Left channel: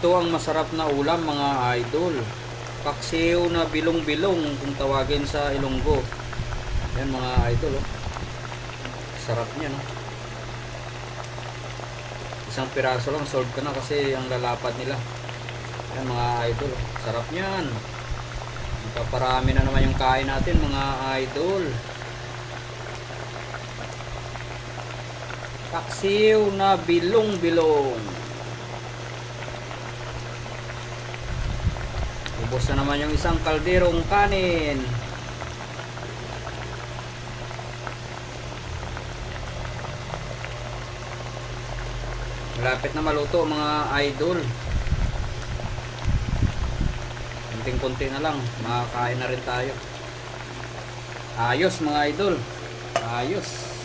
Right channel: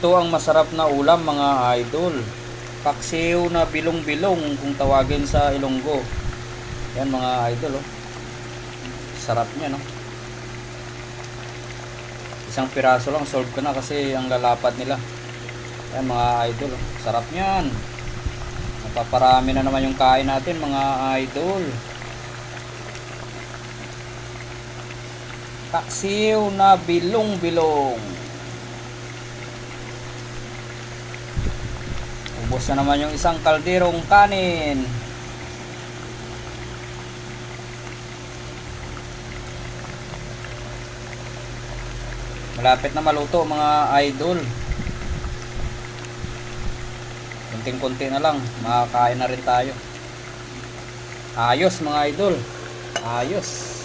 Ito ang masarap na ulam mga idol. Paksiw na bilong-bilong kung tawagin sa Ilonggo. Yan mga idol oh. Sarap niya no. Isang piraso lang solve ka na kasi ang lalapad nila. Yan mga idol oh. Sarap niyan. Napaparami na naman yung kain natin mga idol. Paksiw na bilong-bilong. Ubos na naman yung isang kalderong kanin. Malapit na maluto mga idol. Kunting-kunti na lang, makakain na rin tayo. Ayos mga idol. Ayos.